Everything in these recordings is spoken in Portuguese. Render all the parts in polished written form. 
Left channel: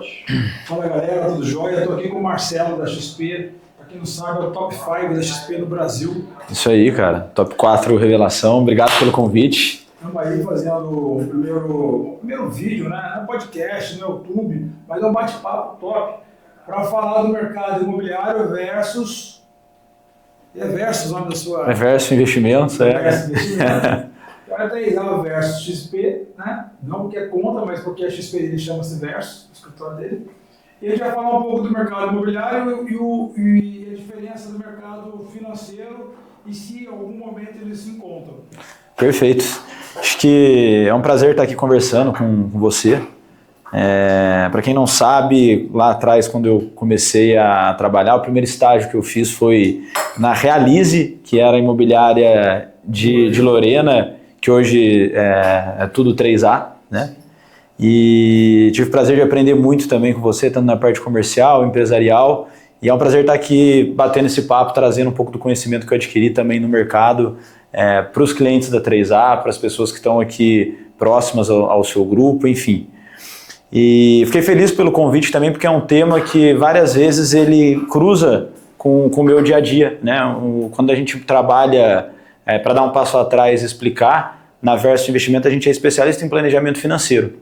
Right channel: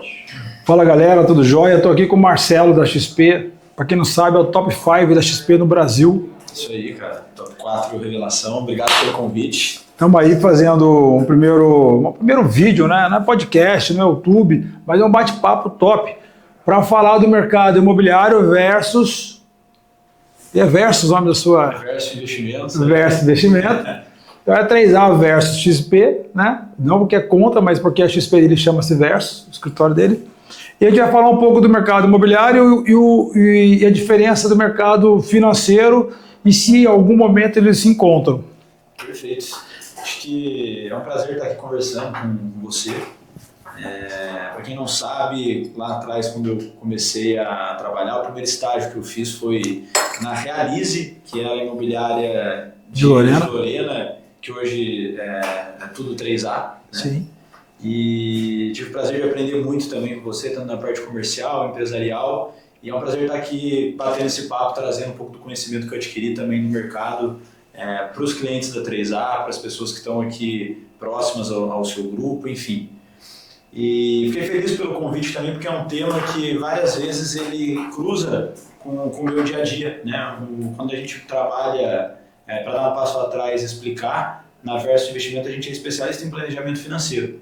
Pode. Fala galera, tudo jóia? Estou aqui com o Marcelo da XP. Para quem não sabe, é o top 5 da XP no Brasil. Isso aí, cara. Top 4 revelação. Obrigado pelo convite. Estamos aí fazendo um primeiro vídeo, né? Não é podcast, não é YouTube, mas é um bate-papo top para falar do mercado imobiliário versus... E é versus o nome da sua... É versus investimentos. Versus investimento. Então é 3A versus XP, né? Não porque é contra, mas porque a XP ele chama-se versus, o escritório dele. E a gente vai falar um pouco do mercado imobiliário e a diferença do mercado financeiro e se em algum momento eles se encontram. Perfeito. Acho que é um prazer estar aqui conversando com você. Para quem não sabe, lá atrás, quando eu comecei a trabalhar, o primeiro estágio que eu fiz foi na Realize, que era a imobiliária de Lorena, que hoje é tudo 3A, né? Sim. E tive o prazer de aprender muito também com você, tanto na parte comercial, empresarial, e é um prazer estar aqui batendo esse papo, trazendo um pouco do conhecimento que eu adquiri também no mercado para os clientes da 3A, para as pessoas que estão aqui próximas ao seu grupo, enfim. E fiquei feliz pelo convite também, porque é um tema que várias vezes ele cruza com o meu dia a dia, né? Quando a gente trabalha para dar um passo atrás e explicar, na Versus Investimento a gente é especialista em planejamento financeiro.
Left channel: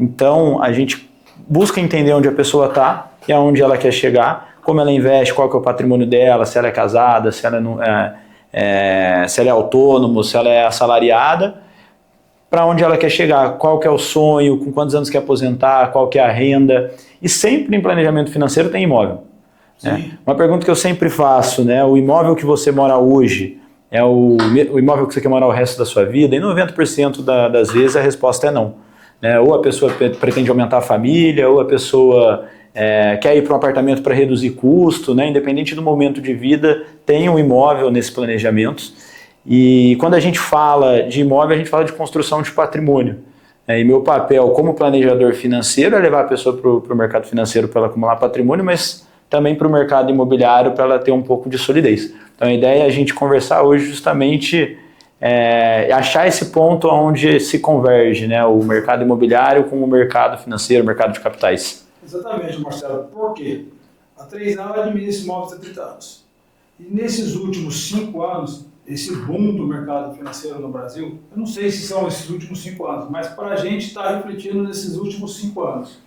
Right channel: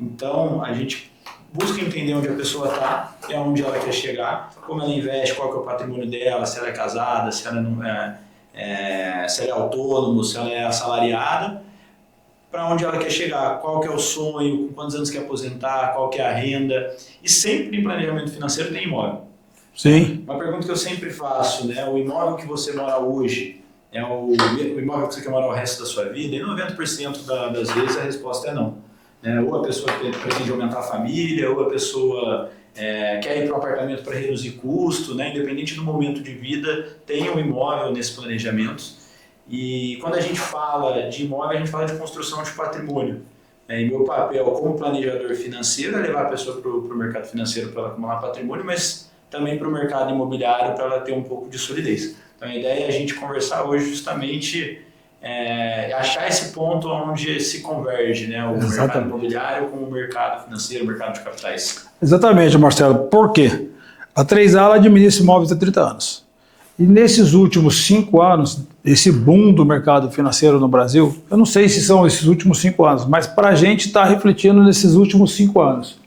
Então, a gente busca entender onde a pessoa está e aonde ela quer chegar, como ela investe, qual que é o patrimônio dela, se ela é casada, se ela se ela é autônomo, se ela é assalariada, para onde ela quer chegar, qual que é o sonho, com quantos anos quer aposentar, qual que é a renda. E sempre em planejamento financeiro tem imóvel. Sim. Uma pergunta que eu sempre faço, né? O imóvel que você mora hoje é o imóvel que você quer morar o resto da sua vida? E 90% das vezes a resposta é não. Ou a pessoa pretende aumentar a família, ou a pessoa quer ir para um apartamento para reduzir custo, né? Independente do momento de vida, tem um imóvel nesses planejamentos. E quando a gente fala de imóvel, a gente fala de construção de patrimônio. E meu papel como planejador financeiro é levar a pessoa para o mercado financeiro para ela acumular patrimônio, mas também para o mercado imobiliário para ela ter um pouco de solidez. Então a ideia é a gente conversar hoje justamente... achar esse ponto onde se converge, né, o Exatamente. Mercado imobiliário com o mercado financeiro, o mercado de capitais. Exatamente, Marcelo. Por quê? A 3A ela administra imóveis há 30 anos. E nesses últimos 5 anos, esse boom do mercado financeiro no Brasil, eu não sei se são esses últimos 5 anos, mas para a gente está refletindo nesses últimos 5 anos.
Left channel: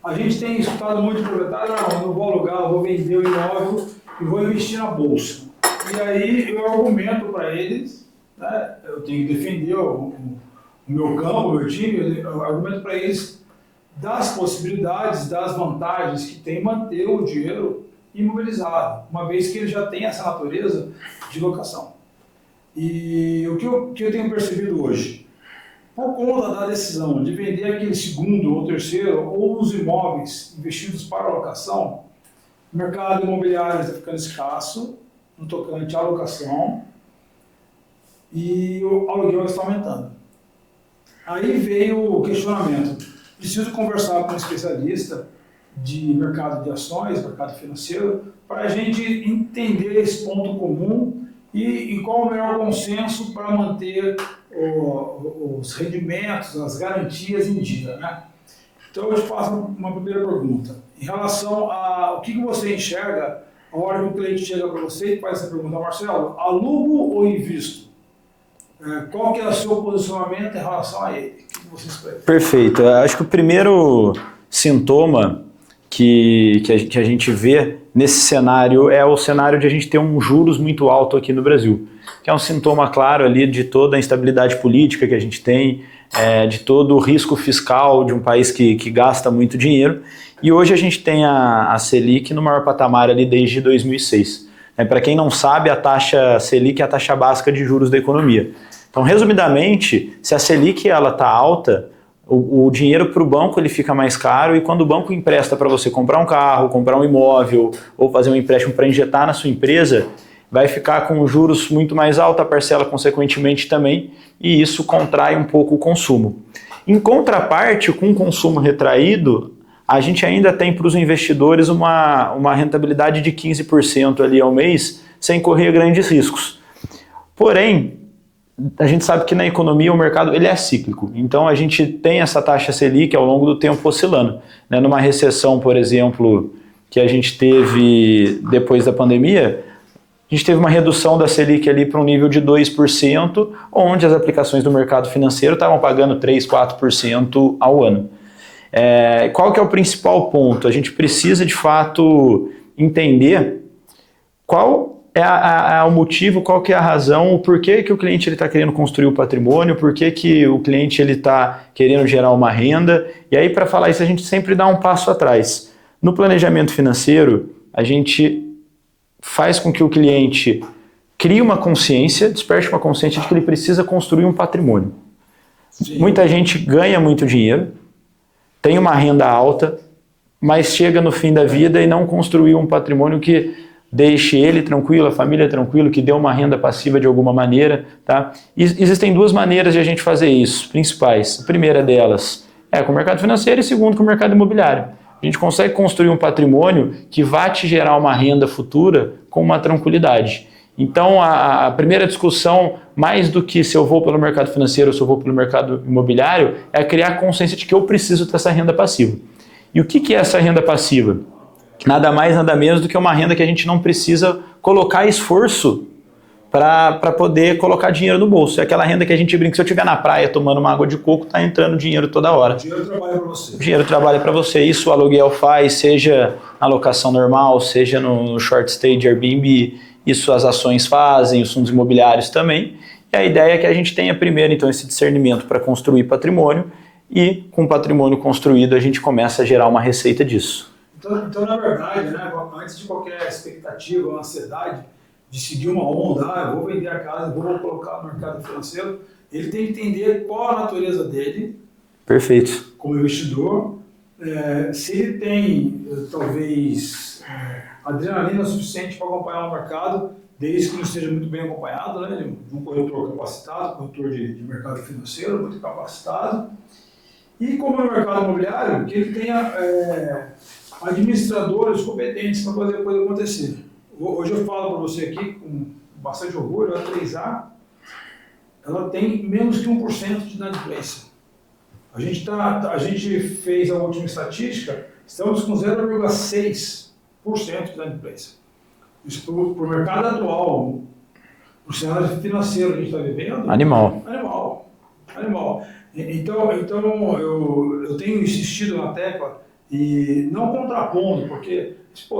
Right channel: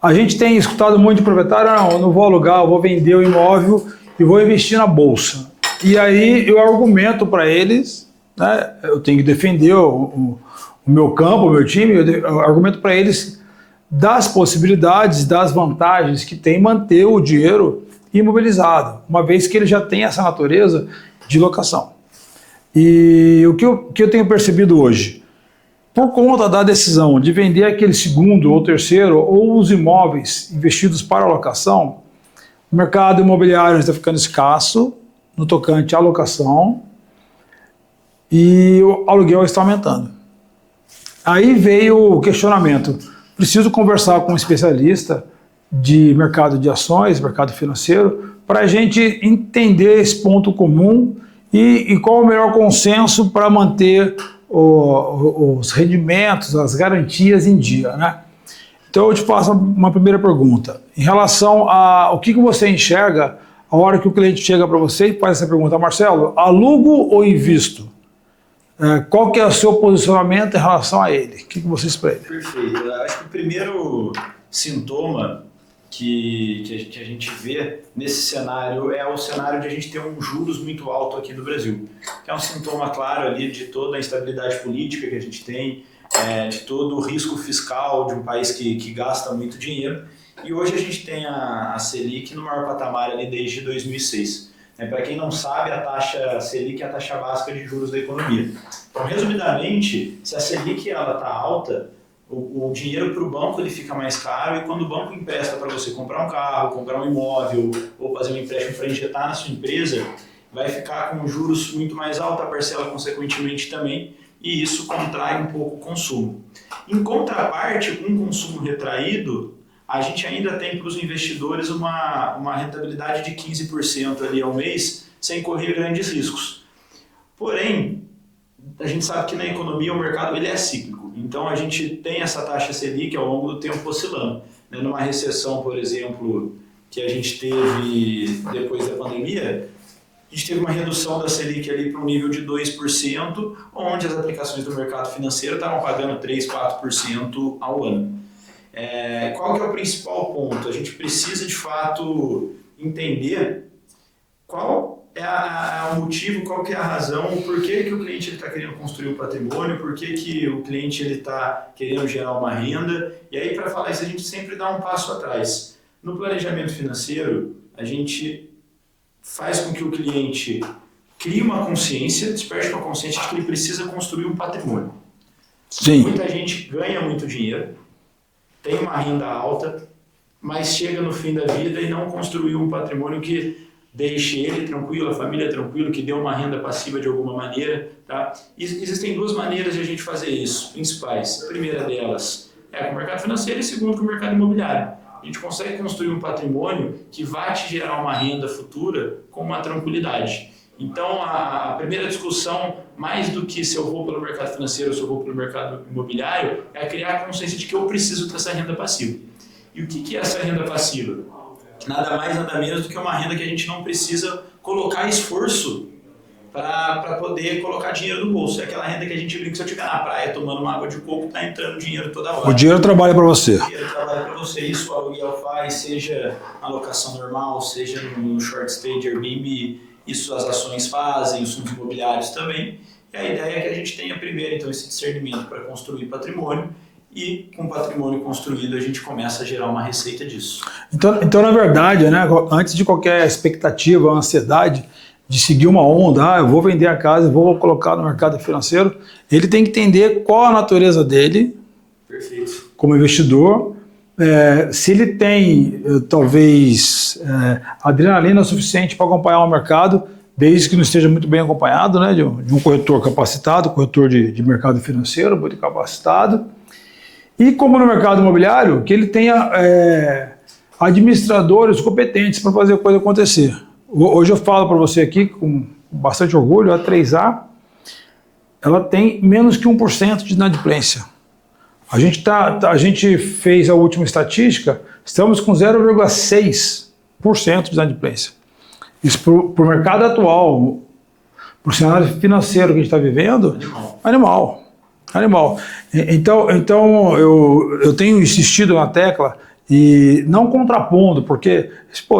A gente tem escutado muito de proprietário, não, eu não vou alugar, eu vou vender o imóvel e vou investir na bolsa. E aí eu argumento para eles, né, eu tenho que defender o meu campo, o meu time, eu argumento para eles das possibilidades, das vantagens que tem manter o dinheiro imobilizado, uma vez que ele já tem essa natureza de locação. E o que eu tenho percebido hoje, por conta da decisão de vender aquele segundo ou terceiro ou os imóveis investidos para locação, o mercado imobiliário está ficando escasso no tocante à locação e o aluguel está aumentando. Aí veio o questionamento, preciso conversar com um especialista de mercado de ações, mercado financeiro, para a gente entender esse ponto comum e qual o melhor consenso para manter os rendimentos, as garantias em dia, né? Então eu te faço uma primeira pergunta. Em relação a o que você enxerga a hora que o cliente chega para você e faz essa pergunta, Marcelo, alugo ou invisto? Qual que é o seu posicionamento em relação a ele? O que você espera? Perfeito. Acho que o primeiro sintoma que a gente vê nesse cenário é o cenário de a gente ter um juros muito alto aqui no Brasil, que é um sintoma claro ali de toda a instabilidade política que a gente tem, de todo o risco fiscal de um país que gasta muito dinheiro. E hoje a gente tem a Selic no maior patamar ali desde 2006. Para quem não sabe, a taxa Selic é a taxa básica de juros da economia. Então, resumidamente, se a Selic está alta, o dinheiro para o banco ele fica mais caro e quando o banco empresta para você comprar um carro, comprar um imóvel ou fazer um empréstimo para injetar na sua empresa, vai ficar com juros muito mais alta, a parcela consequentemente também, e isso contrai um pouco o consumo. Em contraparte, com o consumo retraído, a gente ainda tem para os investidores uma rentabilidade de 15% ali ao mês, sem correr grandes riscos. Porém, a gente sabe que na economia o mercado ele é cíclico, então a gente tem essa taxa Selic ao longo do tempo oscilando. Né? Numa recessão, por exemplo, que a gente teve depois da pandemia, a gente teve uma redução da Selic ali para um nível de 2%, onde as aplicações do mercado financeiro estavam pagando 3%, 4% ao ano. Qual que é o principal ponto? A gente precisa, de fato, entender qual é o motivo, qual que é a razão, o porquê que o cliente está querendo construir o patrimônio, por que o cliente está querendo gerar uma renda. E aí, para falar isso, a gente sempre dá um passo atrás. No planejamento financeiro, a gente faz com que o cliente crie uma consciência, desperte uma consciência de que ele precisa construir um patrimônio. Sim. Muita gente ganha muito dinheiro, tem uma renda alta, mas chega no fim da vida e não construiu um patrimônio que deixe ele tranquilo, a família tranquila, que dê uma renda passiva de alguma maneira. Tá? E existem duas maneiras de a gente fazer isso, principais. A primeira delas é com o mercado financeiro e a segunda com o mercado imobiliário. A gente consegue construir um patrimônio que vai te gerar uma renda futura com uma tranquilidade. Então, a primeira discussão, mais do que se eu vou pelo mercado financeiro ou se eu vou pelo mercado imobiliário, é criar a consciência de que eu preciso ter essa renda passiva. E o que é essa renda passiva? Nada mais, nada menos do que uma renda que a gente não precisa colocar esforço para poder colocar dinheiro no bolso. É aquela renda que a gente brinca, se eu estiver na praia tomando uma água de coco, está entrando dinheiro toda hora. O dinheiro trabalha para você. O dinheiro trabalha para você. Isso o aluguel faz, seja na locação normal, seja no short stay de Airbnb. Isso as ações fazem, os fundos imobiliários também. E a ideia é que a gente tenha primeiro então esse discernimento para construir patrimônio e com o patrimônio construído a gente começa a gerar uma receita disso. Então na verdade, né, antes de qualquer expectativa, ansiedade de seguir uma onda, eu vou vender a casa, vou colocar no mercado financeiro, ele tem que entender qual a natureza dele. Perfeito. Como investidor, se ele tem talvez adrenalina suficiente para acompanhar o mercado, desde que não esteja muito bem acompanhado, né, de um corretor capacitado, corretor de mercado financeiro, muito capacitado. E como no mercado imobiliário, que ele tenha administradores competentes para fazer a coisa acontecer. Hoje eu falo para você aqui com bastante orgulho, a 3A, ela tem menos que 1% de inadimplência. A gente fez a última estatística, estamos com 0,6% de inadimplência. Isso para o mercado atual, para o cenário financeiro que a gente está vivendo... Animal. Então eu tenho insistido na tecla e não contrapondo, porque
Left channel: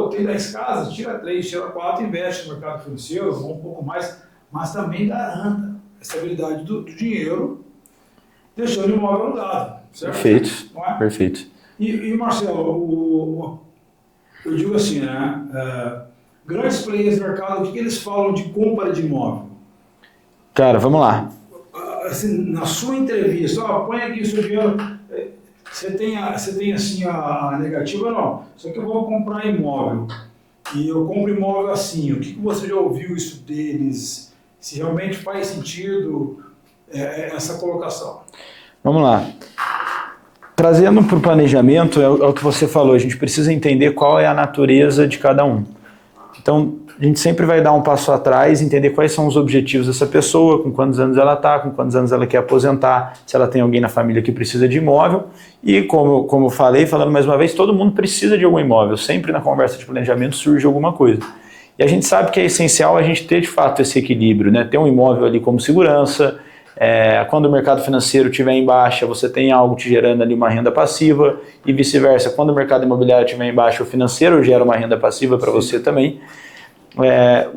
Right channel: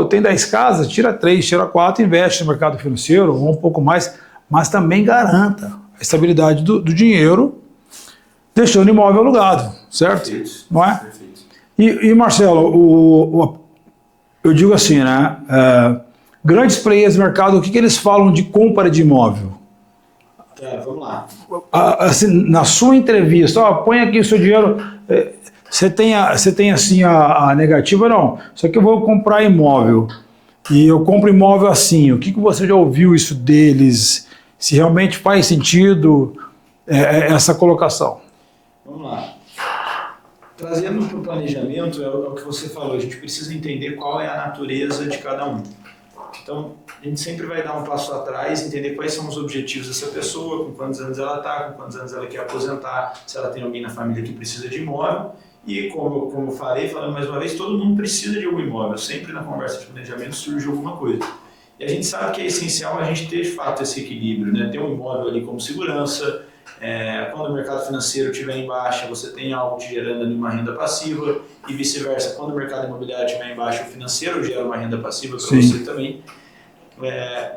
tem 10 casas, tira 3, tira 4, investe no mercado financeiro, ou um pouco mais, mas também garanta a estabilidade do dinheiro, deixando o imóvel alugado, certo? Perfeito. Não é? Perfeito. E Marcelo, eu digo assim, né? Grandes players do mercado, o que eles falam de compra de imóvel? Cara, vamos lá. Assim, na sua entrevista, põe aqui o seu dinheiro, você tem assim a negativa? Não, só que eu vou comprar imóvel e eu compro imóvel assim, o que você já ouviu isso deles? Se realmente faz sentido essa colocação? Vamos lá. Trazendo para o planejamento, é o que você falou, a gente precisa entender qual é a natureza de cada um. Então, a gente sempre vai dar um passo atrás, entender quais são os objetivos dessa pessoa, com quantos anos ela está, com quantos anos ela quer aposentar, se ela tem alguém na família que precisa de imóvel. E como eu falei, falando mais uma vez, todo mundo precisa de algum imóvel. Sempre na conversa de planejamento surge alguma coisa. E a gente sabe que é essencial a gente ter, de fato, esse equilíbrio, né? Ter um imóvel ali como segurança. Quando o mercado financeiro estiver em baixa, você tem algo te gerando ali uma renda passiva e vice-versa. Quando o mercado imobiliário estiver em baixa, o financeiro gera uma renda passiva para você também.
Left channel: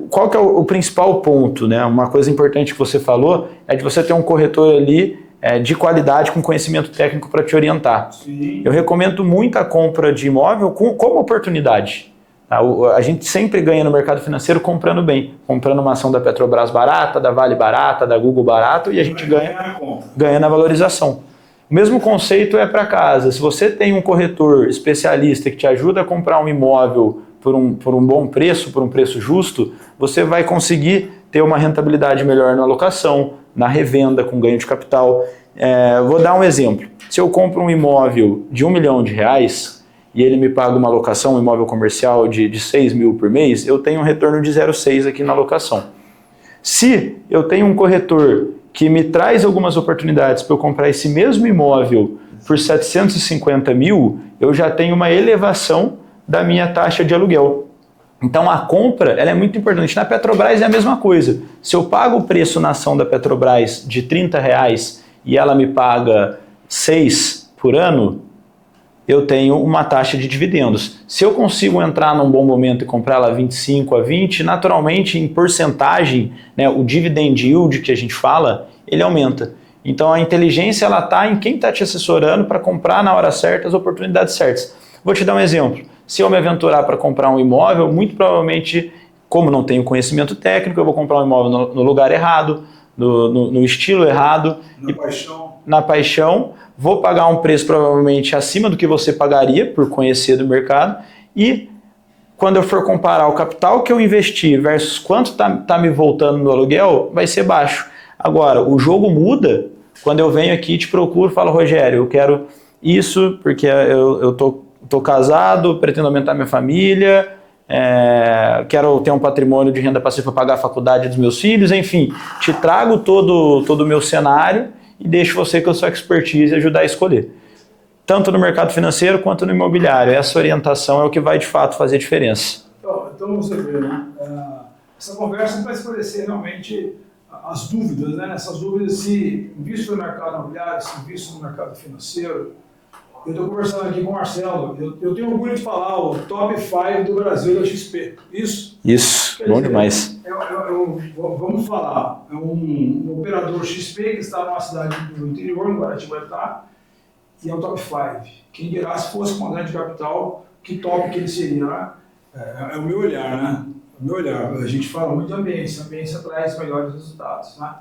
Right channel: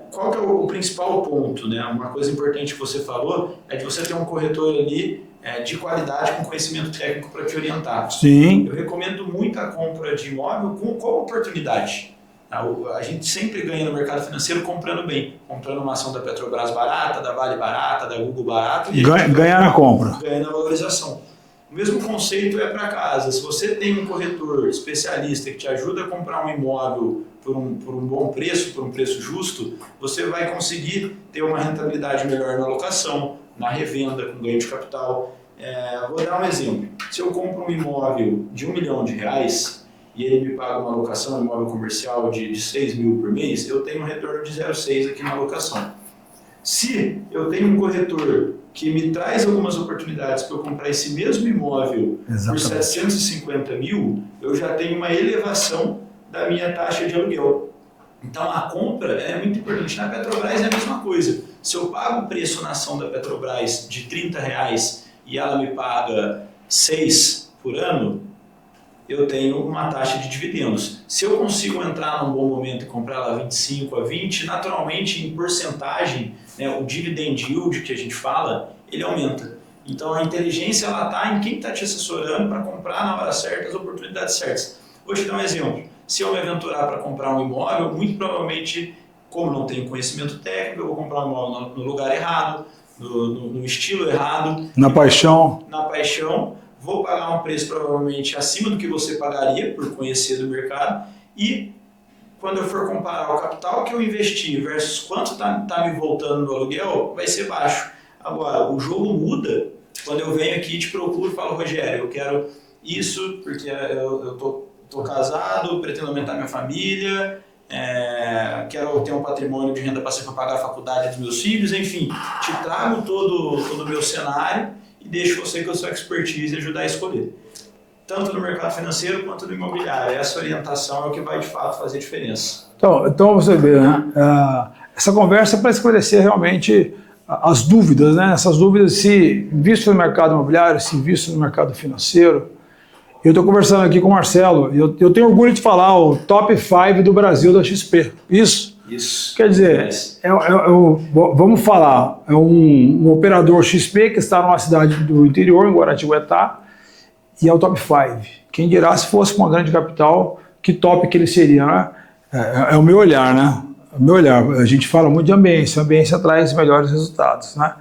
Qual que é o principal ponto, né? Uma coisa importante que você falou é de você ter um corretor ali de qualidade, com conhecimento técnico para te orientar. Sim. Eu recomendo muito a compra de imóvel como oportunidade. A gente sempre ganha no mercado financeiro comprando bem, comprando uma ação da Petrobras barata, da Vale barata, da Google barato, e a gente ganha na compra. Ganha na valorização. O mesmo conceito é para casa. Se você tem um corretor especialista que te ajuda a comprar um imóvel por um bom preço, por um preço justo, você vai conseguir ter uma rentabilidade melhor na locação, na revenda, com ganho de capital. Vou dar um exemplo. Se eu compro um imóvel de R$1 milhão e ele me paga uma locação, um imóvel comercial de 6 mil por mês, eu tenho um retorno de 0,6 aqui na locação. Se eu tenho um corretor que me traz algumas oportunidades para eu comprar esse mesmo imóvel por 750 mil, eu já tenho uma elevação da minha taxa de aluguel. Então a compra ela é muito importante. Na Petrobras é a mesma coisa. Se eu pago o preço na ação da Petrobras de R$30 e ela me paga 6 por ano, eu tenho uma taxa de dividendos. Se eu consigo entrar num bom momento e comprar ela 25 a 20, naturalmente em porcentagem, né, o dividend yield que a gente fala, ele aumenta. Então a inteligência ela está em quem está te assessorando para comprar na hora certa as oportunidades certas. Vou te dar um exemplo. Se eu me aventurar para comprar um imóvel, muito provavelmente, como não tenho conhecimento técnico, eu vou comprar um imóvel no lugar errado, no estilo errado. Na paixão. Vou pagar um preço provavelmente acima do que você pagaria por conhecer do mercado e quando eu for comparar o capital que eu investi versus quanto está me voltando no aluguel, vai ser baixo. Agora, o jogo muda quando eu venho aqui e te procuro e falo, Rogério, eu quero isso porque eu tô casado, pretendo aumentar minha família, quero ter um patrimônio de renda passiva para pagar a faculdade dos meus filhos, enfim, te trago todo o meu cenário e deixo você com a sua expertise ajudar a escolher. Tanto no mercado financeiro quanto no imobiliário. Essa orientação é o que vai de fato fazer diferença. Então você vê, né? Essa conversa é para esclarecer realmente as dúvidas, né? Essas dúvidas se visto no mercado imobiliário, se visto no mercado financeiro. Eu estou conversando aqui com o Marcelo, eu tenho orgulho de falar o top 5 do Brasil da XP. Isso? Isso, quer dizer, vamos falar, é um operador XP que está numa cidade do interior, em Guaratinguetá, e é o top 5. Quem dirá se fosse com uma grande capital, que top que ele seria, né? É o meu olhar, né? O meu olhar. A gente fala muito de ambiência, a ambiência traz melhores resultados, né?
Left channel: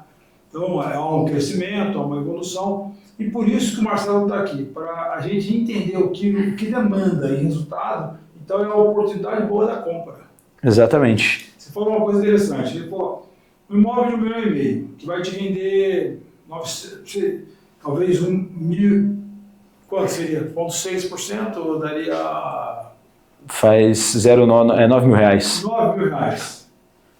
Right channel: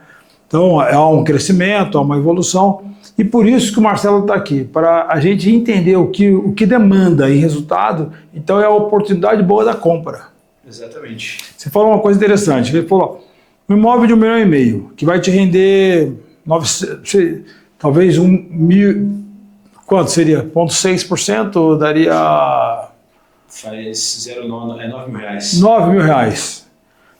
Então, há um crescimento, há uma evolução, e por isso que o Marcelo está aqui, para a gente entender o que demanda em resultado, então é a oportunidade boa da compra. Exatamente. Você falou uma coisa interessante, ele falou, um imóvel de 1,5 milhão, que vai te render talvez quanto seria? 0,6%, daria... Faz 9 mil reais. 9 mil reais.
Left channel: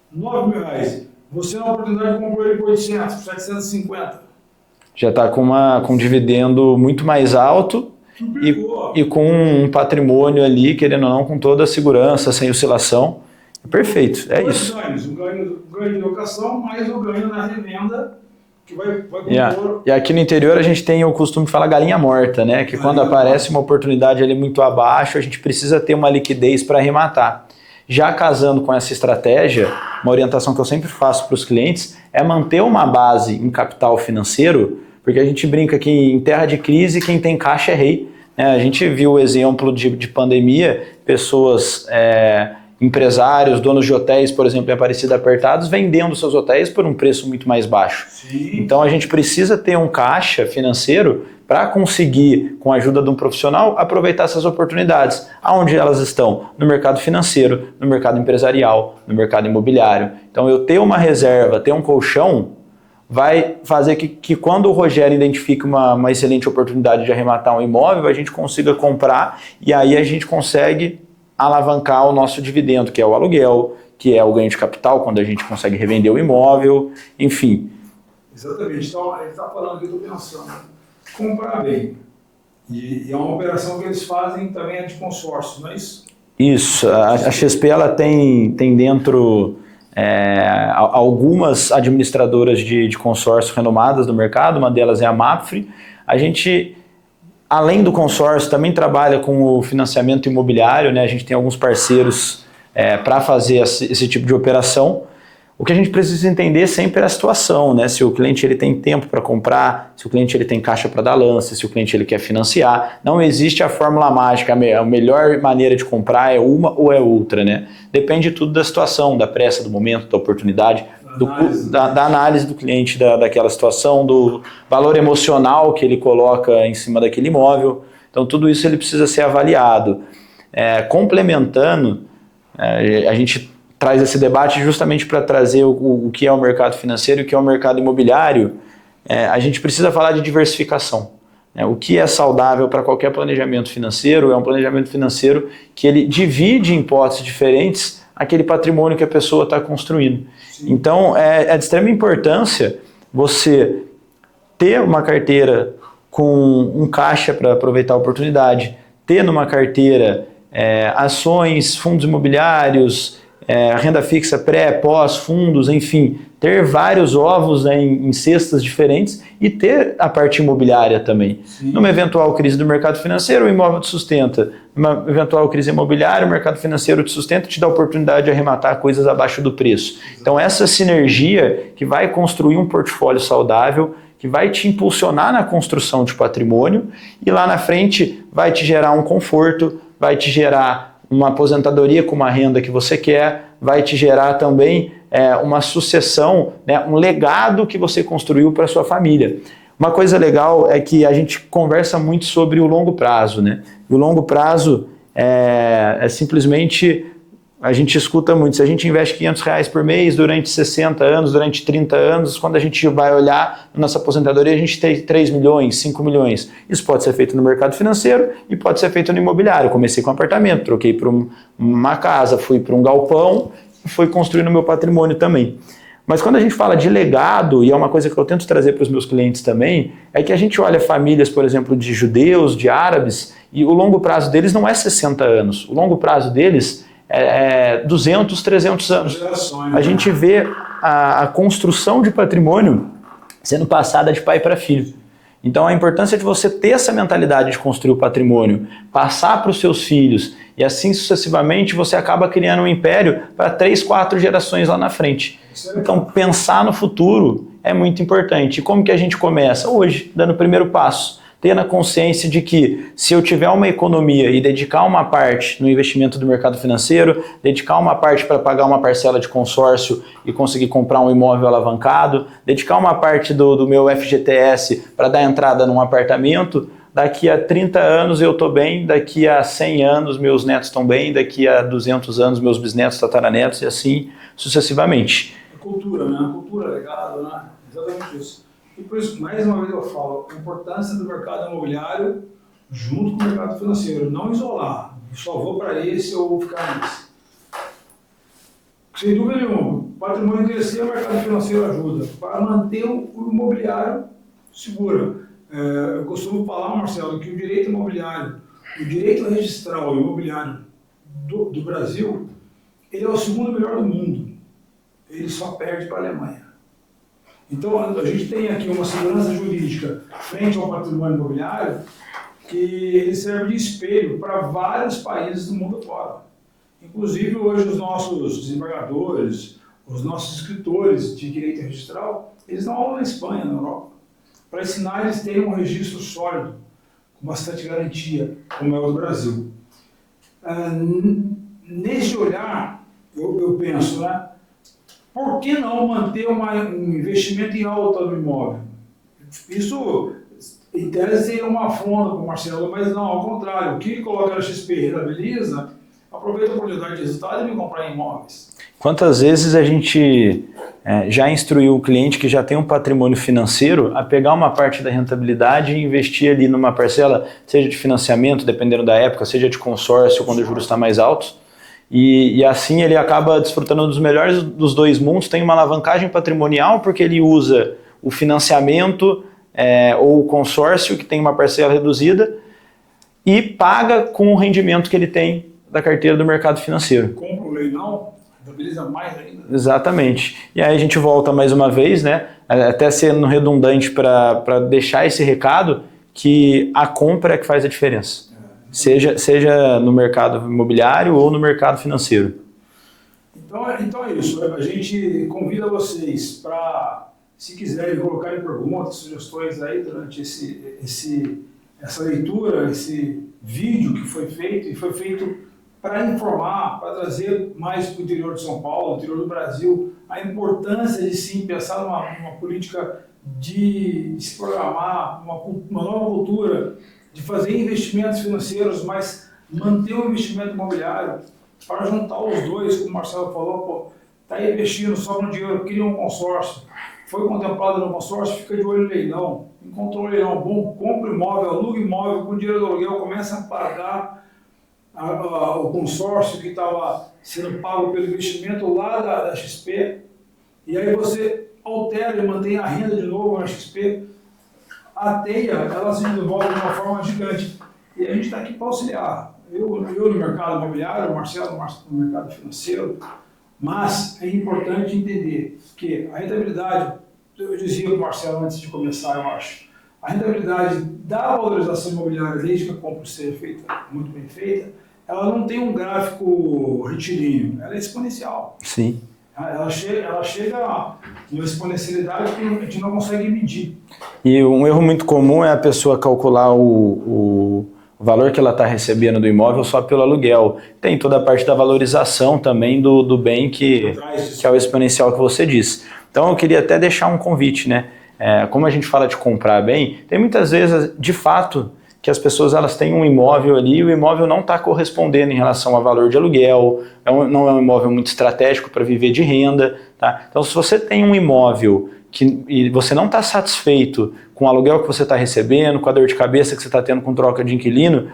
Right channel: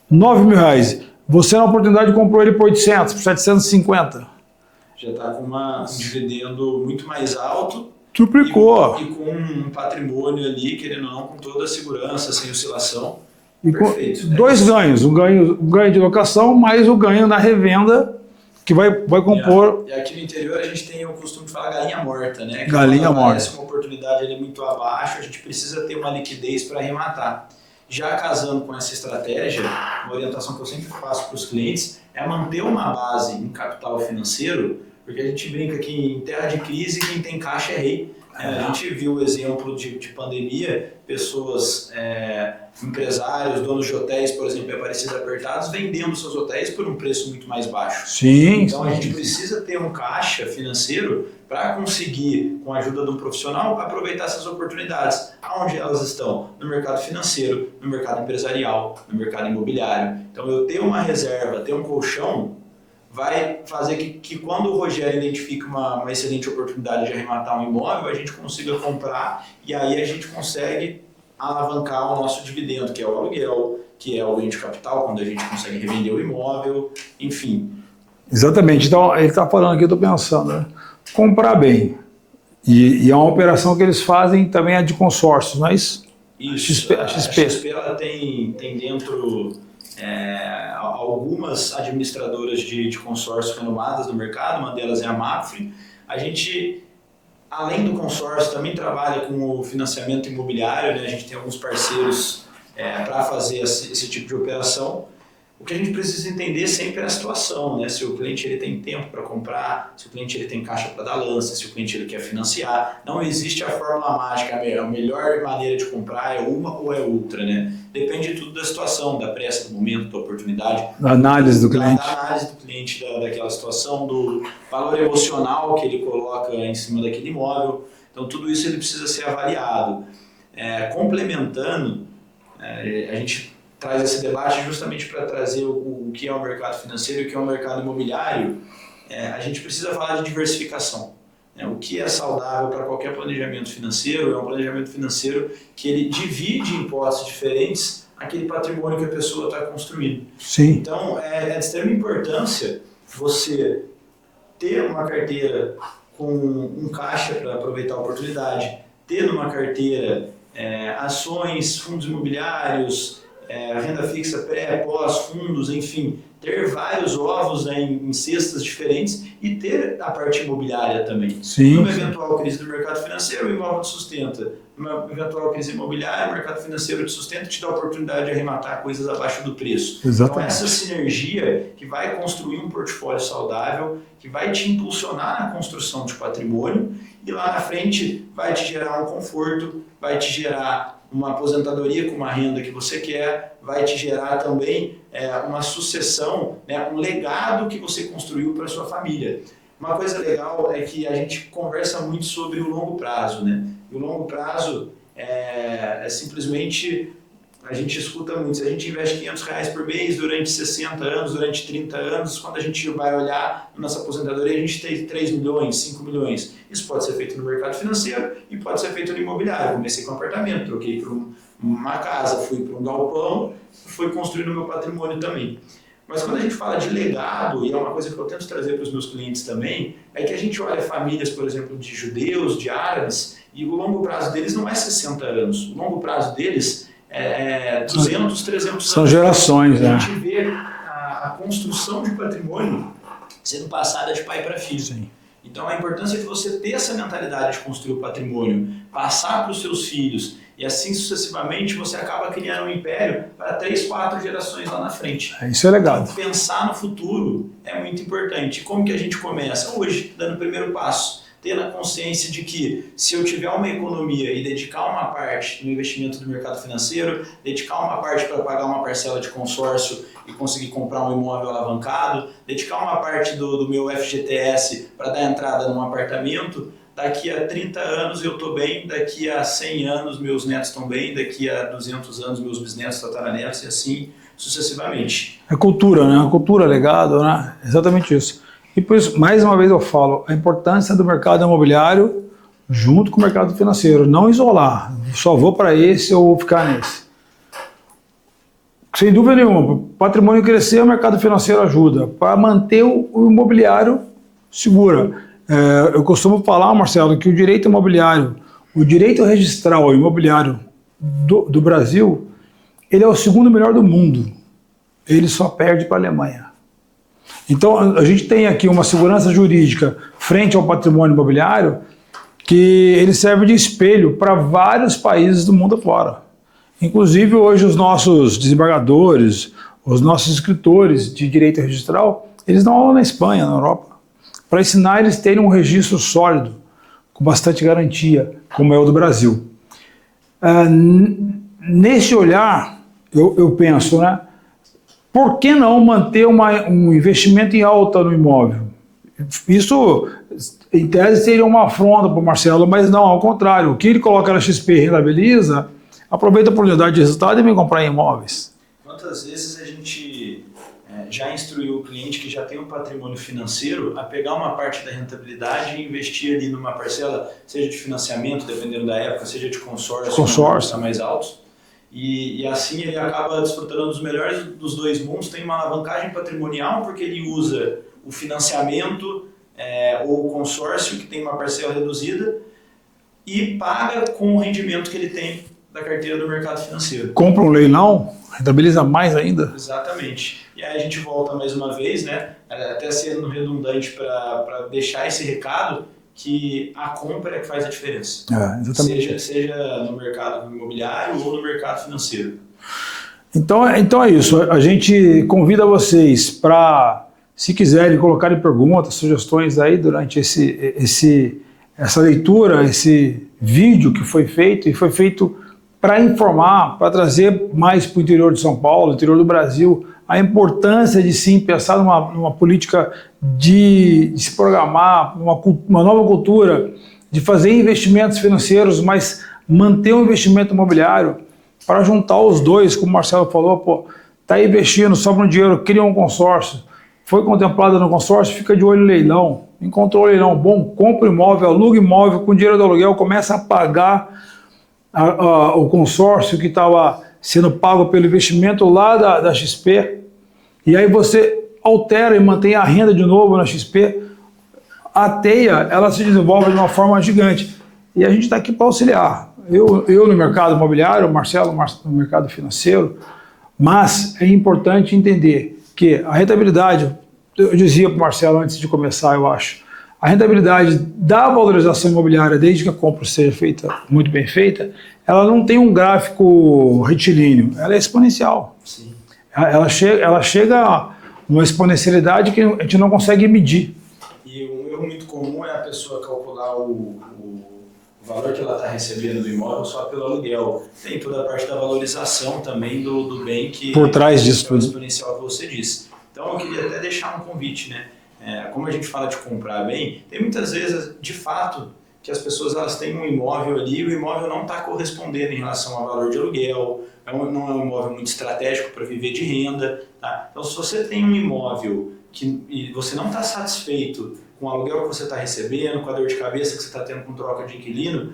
9 mil reais. Você na oportunidade comprou ele por 800, por 750. Já está com um dividendo muito mais alto. Triplicou. E com um patrimônio ali, querendo ou não, com toda a segurança, sem oscilação. Perfeito. Dois ganhos. Um ganho de locação, mais o ganho na revenda, que vai compor... E aqui no interior a gente tem o costume de falar galinha morta, né? Que quando aparece uma oportunidade ali muito abaixo, a gente precisa ter uma liquidez para arrematar. Já casando com essa estratégia, uma orientação que eu sempre faço para os clientes é manter uma base em capital financeiro, porque a gente brinca que em terra de crise quem tem caixa é rei. A gente viu o exemplo de pandemia, pessoas, empresários, donos de hotéis, por exemplo, em Aparecida apertados, vendendo seus hotéis por um preço muito mais baixo. Sim. Então a gente precisa ter um caixa financeiro para conseguir, com a ajuda de um profissional, aproveitar essas oportunidades. Aonde elas estão? No mercado financeiro, no mercado empresarial, no mercado imobiliário. Então eu ter uma reserva, ter um colchão, vai fazer que quando o Rogério identifique uma excelente oportunidade de arrematar um imóvel, a gente consiga comprar e aí a gente consegue alavancar o nosso dividendo, que é o aluguel, que é o ganho de capital, quando a gente consegue revender o imóvel, enfim. Exatamente. Então ele está falando aqui, eu estou pensando, né? Comprar bem. E é uma operação que eles fazem também de consórcios, não é isso? Isso. A XP ela tem dentro algumas administradoras de consórcio renomadas do mercado, uma delas é a Mapfre. A gente, além do consórcio, também trabalha com o financiamento imobiliário, né? A gente tem alguns parceiros para fazer esse tipo de operação. O que a gente precisa entender sempre é a situação, né? Se o cliente ele tem tempo para comprar, se o cliente ele tem caixa para dar lance, se o cliente ele quer financiar. Não existe a fórmula mágica, a melhor maneira de comprar é uma ou é outra, né? Depende tudo da situação, da pressa, do momento, da oportunidade. Da análise do cliente. Da análise do cliente, daquela situação, do valor emocional que ele coloca em cima daquele imóvel. Então tudo isso ele precisa ser avaliado. Complementando, a gente traz esse debate justamente para trazer o que é o mercado financeiro e o que é o mercado imobiliário. A gente precisa falar de diversificação. O que é saudável para qualquer planejamento financeiro é um planejamento financeiro que ele divide em hipóteses diferentes aquele patrimônio que a pessoa está construindo. Sim. Então, é de extrema importância você ter uma carteira com um caixa para aproveitar a oportunidade, ter numa carteira ações, fundos imobiliários, renda fixa pré, pós, fundos, enfim, ter vários ovos, né, em cestas diferentes e ter a parte imobiliária também. Sim. Numa eventual crise do mercado financeiro, o imóvel te sustenta. Numa eventual crise imobiliária, o mercado financeiro te sustenta e te dá a oportunidade de arrematar coisas abaixo do preço. Exatamente. Então essa sinergia que vai construir um portfólio saudável, que vai te impulsionar na construção de patrimônio e lá na frente vai te gerar um conforto, vai te gerar uma aposentadoria com uma renda que você quer, vai te gerar também uma sucessão, né, um legado que você construiu para a sua família. Uma coisa legal é que a gente conversa muito sobre o longo prazo, né? E o longo prazo é simplesmente, a gente escuta muito, se a gente investe R$500 por mês durante 60 anos, durante 30 anos, quando a gente vai olhar na nossa aposentadoria, a gente tem 3 milhões, 5 milhões. Isso pode ser feito no mercado financeiro e pode ser feito no imobiliário. Eu comecei com um apartamento, troquei para uma casa, fui para um galpão, fui construindo o meu patrimônio também. Mas quando a gente fala de legado, e é uma coisa que eu tento trazer para os meus clientes também, é que a gente olha famílias, por exemplo, de judeus, de árabes, e o longo prazo deles não é 60 anos. O longo prazo deles é 200, 300 anos. São gerações. A gente vê a construção de patrimônio sendo passada de pai para filho. Então a importância de você ter essa mentalidade de construir o patrimônio, passar para os seus filhos e assim sucessivamente você acaba criando um império para 3, 4 gerações lá na frente. Isso é legal. Então pensar no futuro é muito importante. E como que a gente começa? Hoje, dando o primeiro passo. Tendo a consciência de que se eu tiver uma economia e dedicar uma parte no investimento do mercado financeiro, dedicar uma parte para pagar uma parcela de consórcio e conseguir comprar um imóvel alavancado, dedicar uma parte do meu FGTS para dar entrada num apartamento, daqui a 30 anos eu estou bem, daqui a 100 anos meus netos estão bem, daqui a 200 anos meus bisnetos, tataranetos e assim sucessivamente. É cultura, né? A cultura, legado, né? Exatamente isso. E por isso, mais uma vez eu falo, a importância do mercado imobiliário junto com o mercado financeiro. Não isolar, só vou para esse ou vou ficar nesse. Sem dúvida nenhuma, o patrimônio crescer, o mercado financeiro ajuda. Para manter o imobiliário segura. Eu costumo falar, Marcelo, que o direito imobiliário, o direito registral imobiliário do Brasil, ele é o segundo melhor do mundo. Ele só perde para a Alemanha. Então, a gente tem aqui uma segurança jurídica frente ao patrimônio imobiliário que ele serve de espelho para vários países do mundo afora. Inclusive, hoje, os nossos desembargadores, os nossos escritores de direito registral, eles dão aula na Espanha, na Europa, para ensinar eles terem um registro sólido, com bastante garantia, como é o do Brasil. Nesse olhar, eu penso, né? Por que não manter um investimento em alta no imóvel? Isso, em tese, seria uma afronta para o Marcelo, mas não, ao contrário. O que ele coloca na XP e rentabiliza, aproveita a oportunidade de resultado e vem comprar imóveis. Quantas vezes a gente já instruiu o cliente que já tem um patrimônio financeiro a pegar uma parte da rentabilidade e investir ali numa parcela, seja de financiamento, dependendo da época, seja de consórcio, quando os juros estão mais altos. E assim ele acaba desfrutando dos melhores dos dois mundos, tem uma alavancagem patrimonial porque ele usa o financiamento ou o consórcio, que tem uma parcela reduzida, e paga com o rendimento que ele tem da carteira do mercado financeiro. Compra um leilão, rentabiliza mais ainda. Exatamente. E aí a gente volta mais uma vez, né, até sendo redundante para deixar esse recado, que a compra é que faz a diferença, seja no mercado imobiliário ou no mercado financeiro. Então é isso, a gente convida vocês para, se quiserem, colocarem perguntas, sugestões aí durante essa leitura, esse vídeo que foi feito, e foi feito para informar, para trazer mais para o interior de São Paulo, interior do Brasil, a importância de sim pensar numa política de se programar, uma nova cultura, de fazer investimentos financeiros, mas manter o investimento imobiliário para juntar os dois, como o Marcelo falou, está investindo, sobra um dinheiro, cria um consórcio, foi contemplado no consórcio, fica de olho no leilão, encontrou um leilão bom, compra imóvel, aluga imóvel, com dinheiro do aluguel, começa a pagar o consórcio que estava sendo pago pelo investimento lá da XP, e aí você altera e mantém a renda de novo na XP, a teia ela se desenvolve de uma forma gigante. E a gente está aqui para auxiliar. Eu no mercado imobiliário, o Marcelo no mercado financeiro, mas é importante entender que a rentabilidade, eu dizia para o Marcelo antes de começar, eu acho, a rentabilidade da valorização imobiliária, desde que a compra seja feita, muito bem feita, ela não tem um gráfico retilíneo, ela é exponencial. Sim. Ela chega a uma exponencialidade que a gente não consegue medir. E um erro muito comum é a pessoa calcular o valor que ela está recebendo do imóvel só pelo aluguel. Tem toda a parte da valorização também do bem que, por trás disso, que é o exponencial que você disse. Então eu queria até deixar um convite, né? Como a gente fala de comprar bem, tem muitas vezes, de fato, que as pessoas elas têm um imóvel ali e o imóvel não está correspondendo em relação ao valor de aluguel, não é um imóvel muito estratégico para viver de renda. Tá? Então se você tem um imóvel e você não está satisfeito com o aluguel que você está recebendo, com a dor de cabeça que você está tendo com troca de inquilino,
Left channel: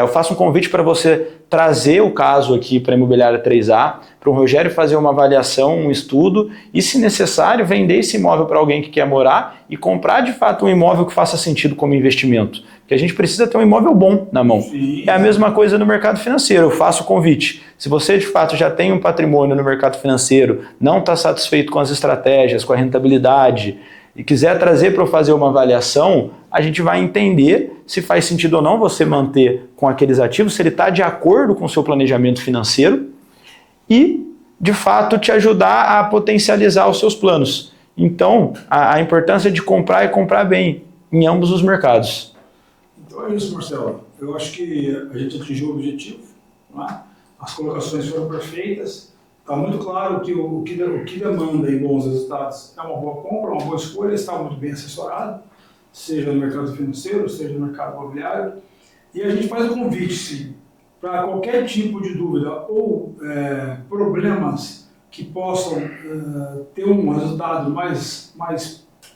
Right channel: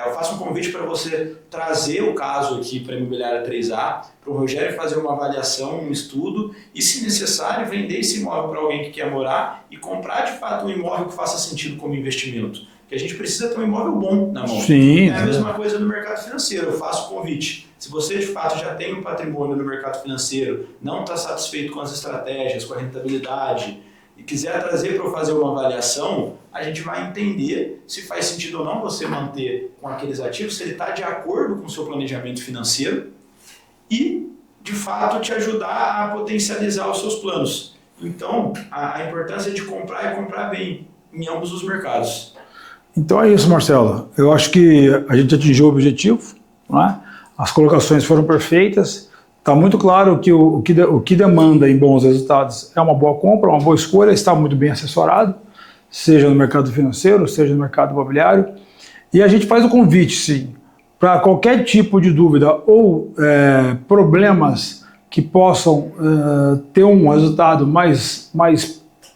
eu faço um convite para você trazer o caso aqui para a Imobiliária 3A, para o Rogério fazer uma avaliação, um estudo e, se necessário, vender esse imóvel para alguém que quer morar e comprar de fato um imóvel que faça sentido como investimento. Porque a gente precisa ter um imóvel bom na mão. Sim, é a mesma coisa no mercado financeiro. Eu faço o convite. Se você de fato já tem um patrimônio no mercado financeiro, não está satisfeito com as estratégias, com a rentabilidade e quiser trazer para eu fazer uma avaliação, a gente vai entender se faz sentido ou não você manter com aqueles ativos, se ele está de acordo com o seu planejamento financeiro e, de fato, te ajudar a potencializar os seus planos. Então, a importância de comprar e comprar bem em ambos os mercados. Então é isso, Marcelo. Eu acho que a gente atingiu o objetivo, não é? As colocações foram perfeitas. Está muito claro que o que demanda em bons resultados é uma boa compra, uma boa escolha, está muito bem assessorado, seja no mercado financeiro, seja no mercado imobiliário. E a gente faz o convite, sim, para qualquer tipo de dúvida ou problemas que possam ter um resultado mais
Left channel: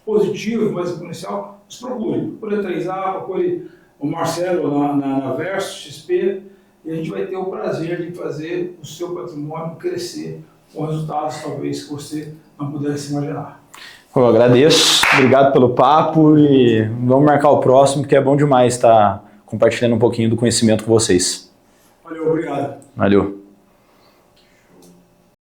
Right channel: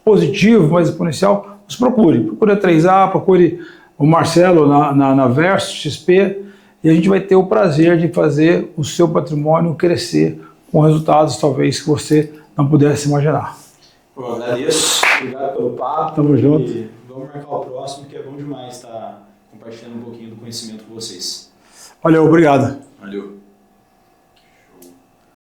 positivo, mais exponencial, nos procure. Procure a 3A, procure o Marcelo na Versus XP, e a gente vai ter o prazer de fazer o seu patrimônio crescer com resultados talvez que você não pudesse imaginar. Eu agradeço, obrigado pelo papo e vamos marcar o próximo, que é bom demais estar compartilhando um pouquinho do conhecimento com vocês. Valeu, obrigado. Valeu.